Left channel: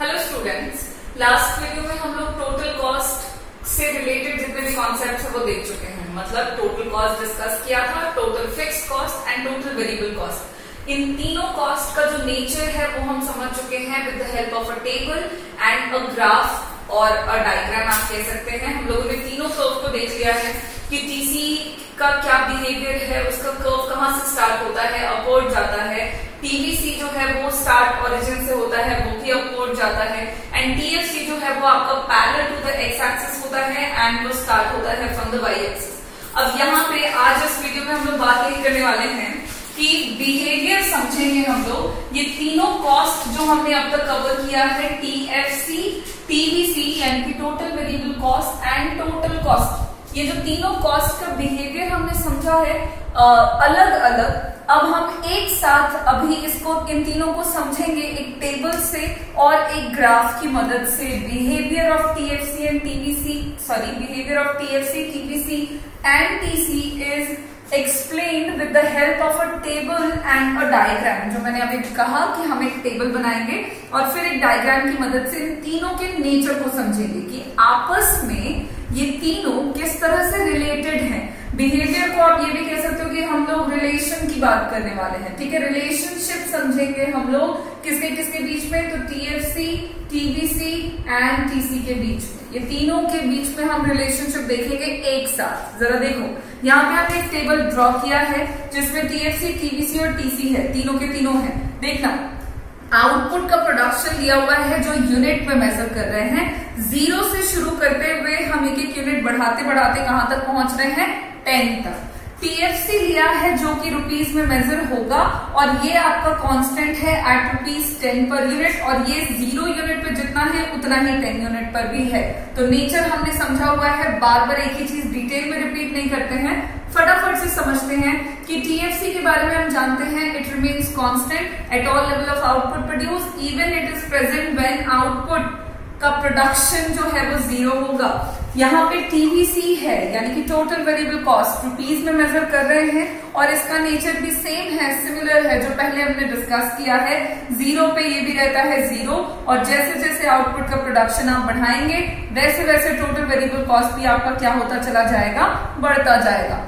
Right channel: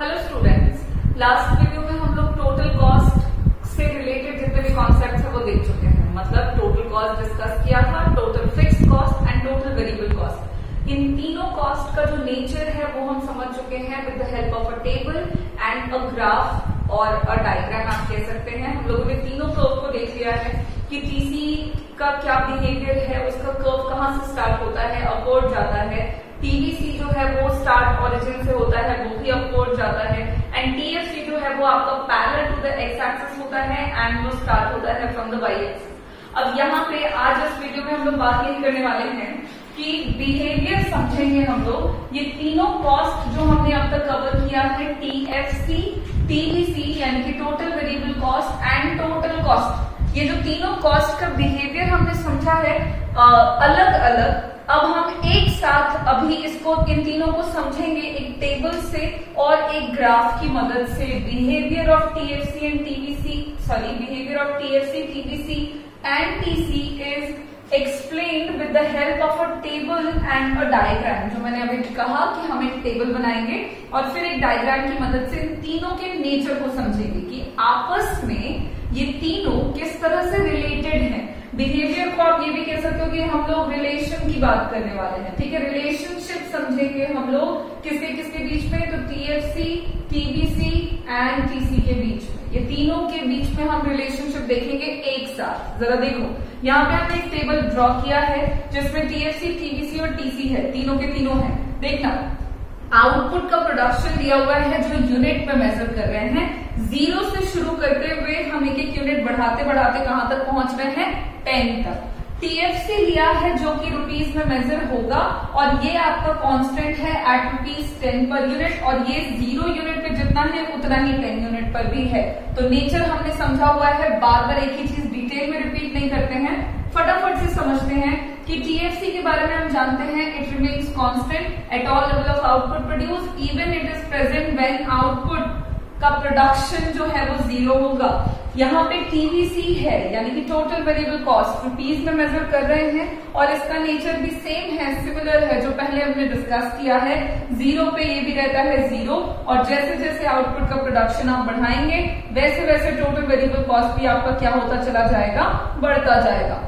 Hello students, last video में हम लोग टोटल कॉस्ट से रिलेटेड जितने भी कॉन्सेप्ट्स है वो देख चुके हैं। मतलब टोटल कॉस्ट डिस्कस किया था, total fixed cost and total variable cost. इन तीनों कॉस्ट का जो नेचर है वो हम समझ चुके हैं with the help of a table and a graph और अ डायग्राम आप कह सकते हैं। हम लोगों ने तीनों कर्व को देख लिया है कि टीसी का क्या बिहेवियर है, उसका कर्व कहाँ से स्टार्ट होता है, अपवर्ड जाता है। टीवीसी जो है वो स्टार्ट ओरिजिन से होता है, वो भी अपवर्ड जाता है। एंड टीएफसी जो है वो आपका parallel to the x axis होता है एंड वो स्टार्ट होता है फ्रॉम द वाई एक्सिस। अब यहाँ पे आज इस वीडियो में हम लोग बात यही करने वाले हैं कि बिहेवियर समझेंगे हम लोग। ये तीनों कॉस्ट जो हमने अब तक कवर किया है, टीएफसी, टीवीसी यानी कि total variable cost and total cost, ये जो तीनों कॉस्ट का बिहेवियर हमने समझा है अलग अलग। अब हम एक साथ अभी इसको इन तीनों को समझेंगे एक टेबल से और एक ग्राफ की मदद से। Behaviour of TFC and TVC, sorry, behaviour of TFC, TVC and TC is explained with the help of a table and a diagram. जो मैंने अभी कहा कि हम एक टेबल बनाएंगे और फिर एक डायग्राम की मदद से इन तीनों के नेचर को समझेंगे कि आपस में ये तीनों किस तरह से रिलेटेड हैं। बिहेवियर को आप ये भी कह सकते हो कि हम लोग रिलेशन की बात करने वाले हैं, ठीक है। रिलेशनशिप समझेंगे हम लोग किसके किसके बीच में, तो टीएफसी, टीवीसी एंड टीसी के बीच में। ये तीनों के बीच में हम रिलेशनशिप देखेंगे एक साथ। जरा देखो, यहाँ पे हमने एक टेबल ड्रॉ किया है जिसमें टीएफसी, टीवीसी और टीसी है, तीनों के तीनों है। देखना, आउटपुट का प्रोडक्शन दिया हुआ है जो यूनिट में मेजर कर रहे हैं। 0 से शुरू करते हुए हम एक एक यूनिट बढ़ाते बढ़ाते कहां तक पहुंच रहे हैं, 10 तक। टीएफसी लिया है जो कि रुपीज में मेजर होगा और ये आपका कांस्टेंट है एट ₹10 पर यूनिट, और ये 0 यूनिट पे जितना है उतना ही 10 यूनिट पर भी है। तो नेचर हमने समझा हुआ है, बार बार एक ही चीज डिटेल में रिपीट नहीं करते हैं, फटाफट से समझते हैं कि टीएफसी के बारे में हम जानते हैं it remains constant at all level of output produce even it is present when output का प्रोडक्शन जो है वो 0 होगा। यहाँ पे टीवीसी है यानी कि टोटल वेरिएबल कॉस्ट, रुपीज में मेजर कर रहे हैं और इसका नेचर भी सेम है, सिमिलर है जो पहले हमने डिस्कस किया है। 0 पे ये भी रहता है 0 और जैसे जैसे आउटपुट का प्रोडक्शन आप बढ़ाएंगे वैसे वैसे टोटल वेरिएबल कॉस्ट भी आपका क्या होता चला जाएगा, बढ़ता जाएगा।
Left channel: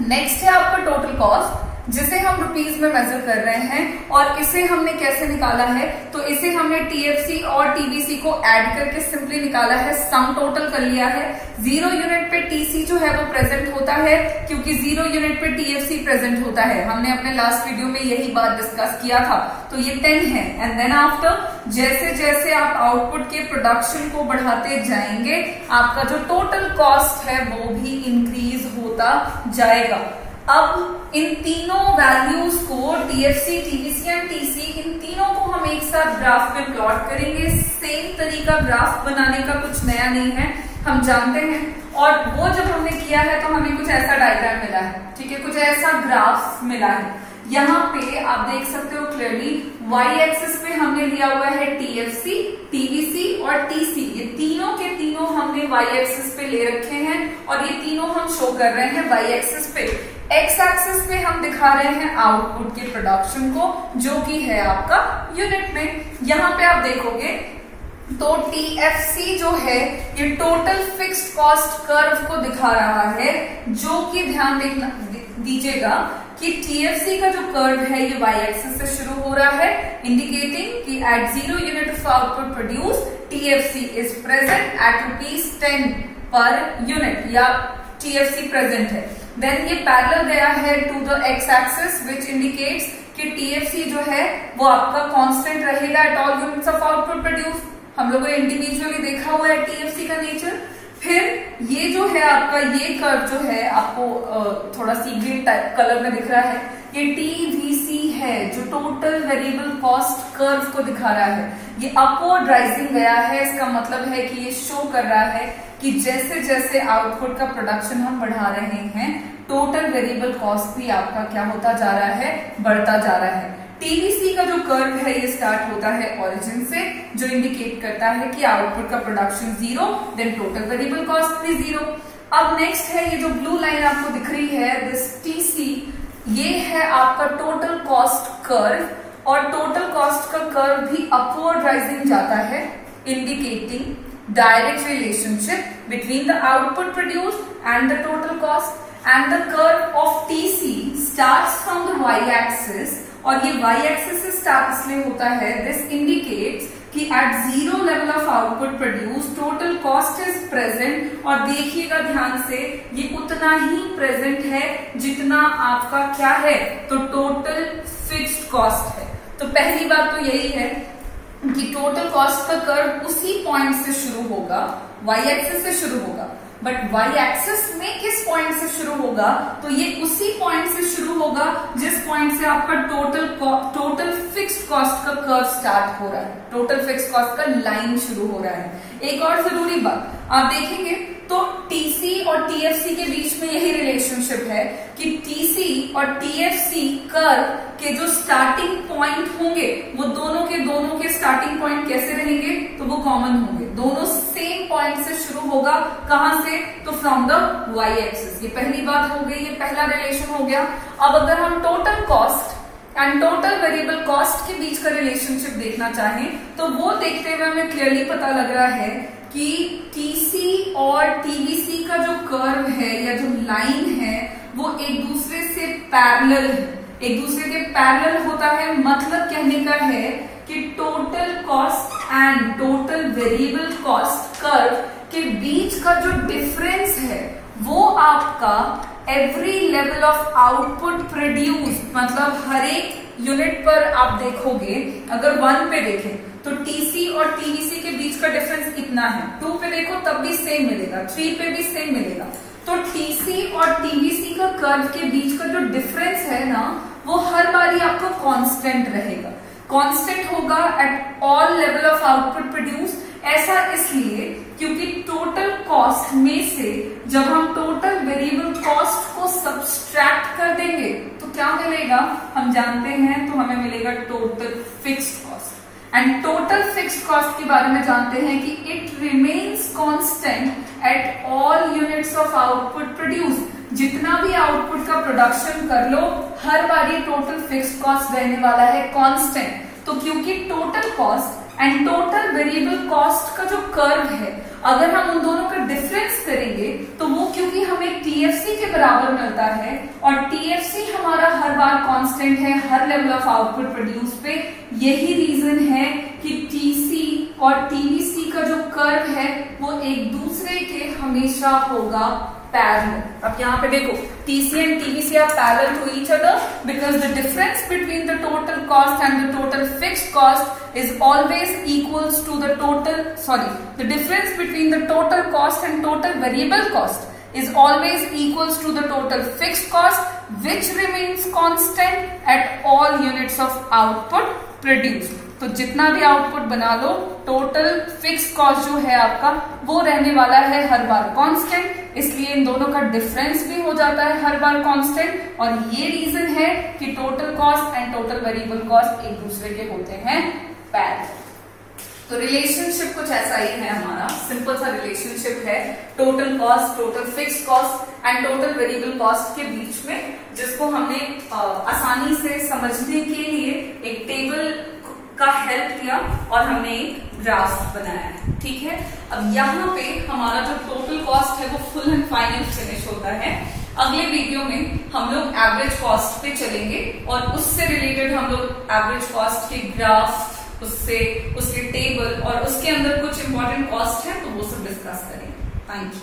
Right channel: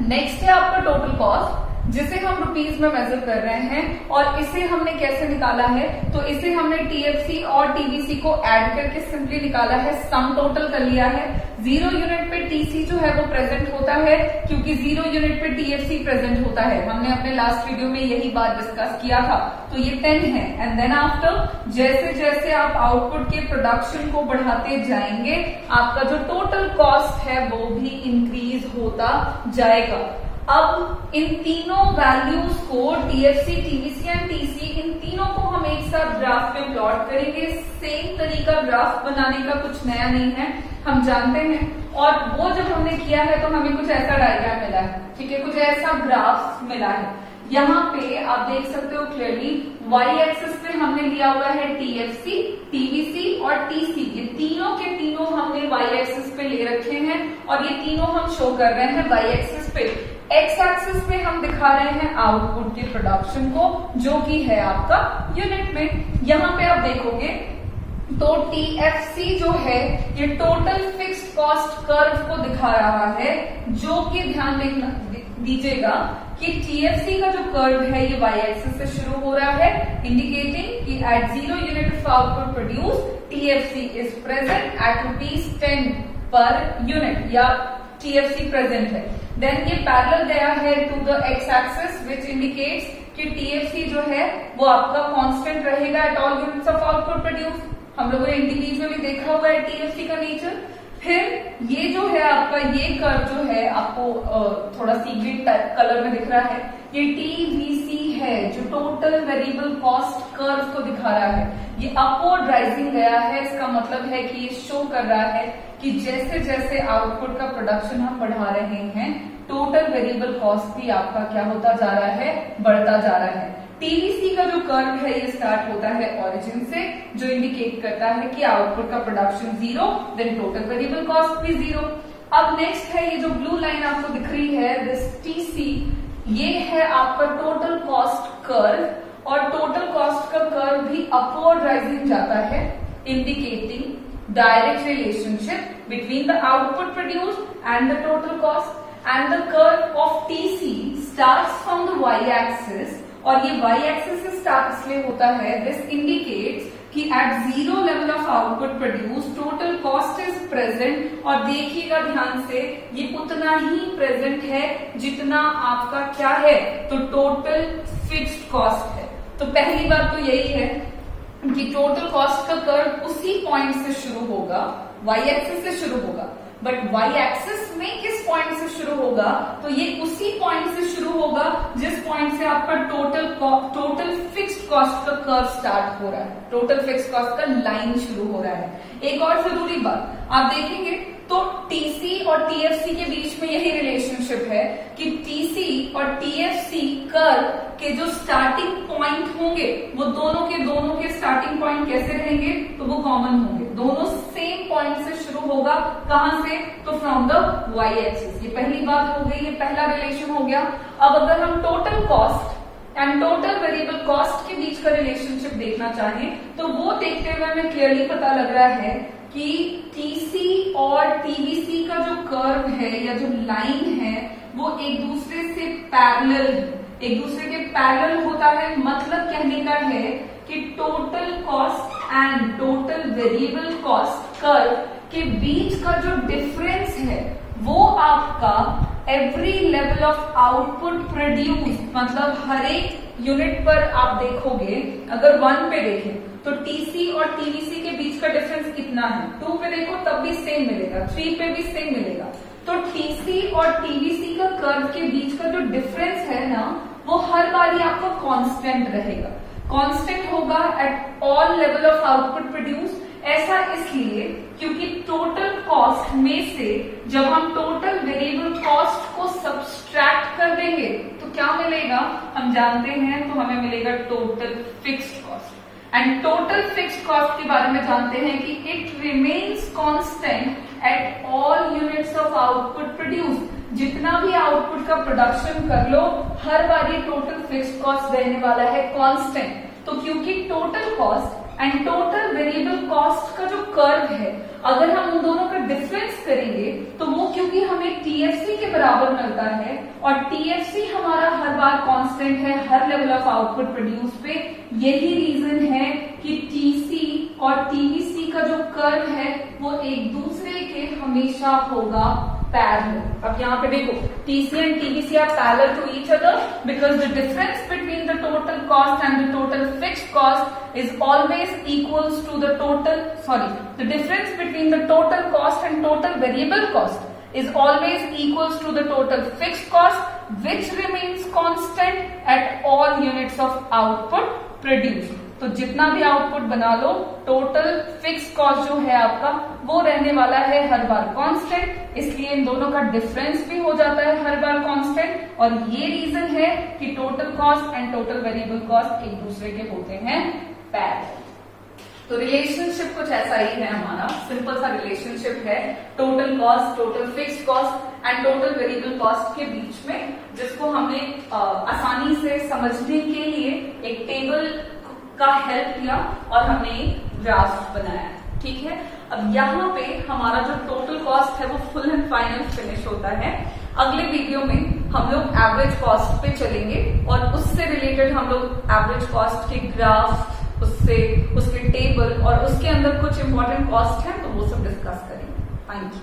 नेक्स्ट है आपका टोटल कॉस्ट जिसे हम रुपीज में मेजर कर रहे हैं और इसे हमने कैसे निकाला है, तो इसे हमने टीएफसी और टीवीसी को ऐड करके सिंपली निकाला है, सम टोटल कर लिया है। 0 यूनिट पे टीसी जो है वो प्रेजेंट होता है क्योंकि 0 यूनिट पे टीएफसी प्रेजेंट होता है। हमने अपने लास्ट वीडियो में यही बात डिस्कस किया था। तो ये 10 है एंड देन आफ्टर जैसे जैसे आप आउटपुट के प्रोडक्शन को बढ़ाते जाएंगे आपका जो टोटल कॉस्ट है वो भी इंक्रीज होता जाएगा। अब इन तीनों वैल्यूज को टीएफसी, टीवीसी एंड टीसी, इन तीनों को हम एक साथ ग्राफ में प्लॉट करेंगे। सेम तरीका ग्राफ बनाने का कुछ नया नहीं है, हम जानते हैं। और वो जब हमने किया है तो हमें कुछ ऐसा डायग्राम मिला है, ठीक है, कुछ ऐसा ग्राफ मिला है। यहाँ पे आप देख सकते हो क्लियरली वाई एक्सिस पे हमने लिया हुआ है टीएफसी, टीवीसी और टीसी। ये तीनों के तीनों हमने वाई एक्सिस पे ले रखे हैं और ये तीनों हम शो कर रहे हैं वाई एक्सिस पे। एक्स एक्सिस पे हम दिखा रहे हैं आउटपुट के प्रोडक्शन को जो कि है आपका यूनिट में। यहाँ पे आप देखोगे तो टीएफसी जो है ये टोटल फिक्स्ड कॉस्ट कर्व को दिखा रहा है, जो कि ध्यान दीजिएगा कि टीएफसी का जो कर्व है ये वाई एक्सिस से शुरू हो रहा है, इंडिकेटिंग कि at 0 unit of output produce TFC is present at ₹10 per unit, या टीएफसी प्रेजेंट है। देन ये पैरेलल गया है to the x axis which indicates कि टीएफसी जो है वो आपका कांस्टेंट रहेगा at all units of output produce. हम लोगों ने इंडिविजुअली देखा हुआ है टीएफसी का नेचर। फिर ये जो है आपका ये कर्व जो है आपको थोड़ा सी ग्रीन टाइप कलर में दिख रहा है, ये टीवीसी है जो टोटल वेरिएबल कॉस्ट कर्व को दिखा रहा है। ये अपवर्ड राइजिंग गया है, इसका मतलब है कि ये शो कर रहा है कि जैसे जैसे आउटपुट का प्रोडक्शन हम बढ़ा रहे हैं टोटल वेरिएबल कॉस्ट भी आपका क्या होता जा रहा है, बढ़ता जा रहा है। टीवीसी का जो कर्व है ये स्टार्ट होता है ओरिजिन से, जो इंडिकेट करता है कि आउटपुट का production 0, then total variable cost भी 0। अब नेक्स्ट है ये जो ब्लू लाइन आपको दिख रही है, दिस टीसी, ये है आपका टोटल कॉस्ट कर्व और टोटल कॉस्ट का कर्व भी अपवर्ड राइजिंग जाता है, indicating direct relationship between the output produced and the total cost, and the curve of TC starts from the y axis, और ये y एक्सिस से start इसलिए होता है, दिस इंडिकेट्स कि at zero level of output produce total cost is present, और देखिएगा ध्यान से ये उतना ही प्रेजेंट है जितना आपका क्या है, तो टोटल फिक्स्ड कॉस्ट है। तो पहली बात तो यही है कि टोटल कॉस्ट का कर्व उसी पॉइंट से शुरू होगा, y एक्सिस से शुरू होगा, बट y एक्सिस में किस पॉइंट से शुरू होगा, तो ये उसी पॉइंट से शुरू होगा जिस पॉइंट से आपका टोटल फिक्स्ड कॉस्ट का कर्व स्टार्ट हो रहा है, टोटल फिक्स्ड कॉस्ट का लाइन शुरू हो रहा है। एक और जरूरी बात आप देखेंगे तो TC और TFC के बीच में यही रिलेशनशिप है कि TC और TFC कर्व के जो स्टार्टिंग पॉइंट होंगे वो दोनों के स्टार्टिंग पॉइंट कैसे रहेंगे, तो वो कॉमन होंगे, दोनों सेम पॉइंट से शुरू होगा, कहां से, तो फ्रॉम द y एक्सिस। ये पहली बात हो गई, ये पहला रिलेशन हो गया। अब अगर हम total cost and total variable cost के बीच का रिलेशनशिप देखना चाहें तो वो देखते हुए हमें क्लियरली पता लग रहा है कि TC और TVC का जो कर्व है या जो लाइन है वो एक दूसरे से पैरेलल है, एक दूसरे के पैरेलल होता है। मतलब कहने का है कि total cost and total variable cost curve के बीच का जो डिफरेंस है वो आपका every level of output produce, मतलब हर एक यूनिट पर आप देखोगे, अगर 1 पे देखें तो TC और TVC के बीच का डिफरेंस कितना है, 2 पे देखो तब भी सेम मिलेगा, 3 पे भी सेम मिलेगा। तो TC और TVC का कर्व के बीच का जो डिफरेंस है ना वो हर बारी आपका कांस्टेंट रहेगा, कांस्टेंट होगा at all level of output produce. ऐसा इसलिए क्योंकि टोटल कॉस्ट में से जब हम टोटल वेरिएबल कॉस्ट को सब्सट्रैक्ट कर देंगे तो क्या मिलेगा, हम जानते हैं, तो हमें मिलेगा total fixed cost. And total fixed cost के बारे में जानते हैं कि it remains constant eight all units of output produce. जितना भी आउटपुट का प्रोडक्शन कर लो हर बारी टोटल फिक्स्ड कॉस्ट रहने वाला है कांस्टेंट। तो क्योंकि total cost and total variable cost का जो कर्व है अगर हम उन दोनों का डिफरेंस करेंगे तो वो क्योंकि हमें TFC के बराबर मिलता है और TFC हमारा हर बार कांस्टेंट है हर लेवल ऑफ आउटपुट प्रोड्यूस पे, यही रीजन है कि TC और TVC का जो कर्व है वो एक दूसरे के हमेशा होगा पैरेलल। अब यहाँ पे देखो TC and TVC are parallel to each other because the difference between the total cost and the total fixed cost is always equals to the the difference between the total cost and total variable cost is always equals to the total fixed cost which remains constant at all units of output produced। तो जितना भी output बना लो total fix cost जो है आपका वो रहने वाला है हर बार कांस्टेंट, इसलिए इन दोनों का डिफरेंस भी हो जाता है हर बार कांस्टेंट। और ये रीजन है कि total cost and total variable cost एक दूसरे के होते हैं पैरेलल। तो रिलेशनशिप कुछ ऐसा ही है हमारा, सिंपल सा रिलेशनशिप है total cost, total fixed cost and total variable cost के बीच में, जिसको हमने आसानी से समझने के लिए एक टेबल का हेल्प लिया और हमने एक ग्राफ बनाया है। ठीक है, अब यहाँ पे हमारा जो टोटल कॉस्ट है वो फुल एंड फाइनल फिनिश होता है। अगले वीडियो में हम लोग एवरेज कॉस्ट पे चलेंगे और उससे रिलेटेड हम लोग एवरेज कॉस्ट के ग्राफ, उसके टेबल और उसके अंदर कुछ इंपॉर्टेंट कॉस्ट है तो वो सब डिस्कस करेंगे। Thank you.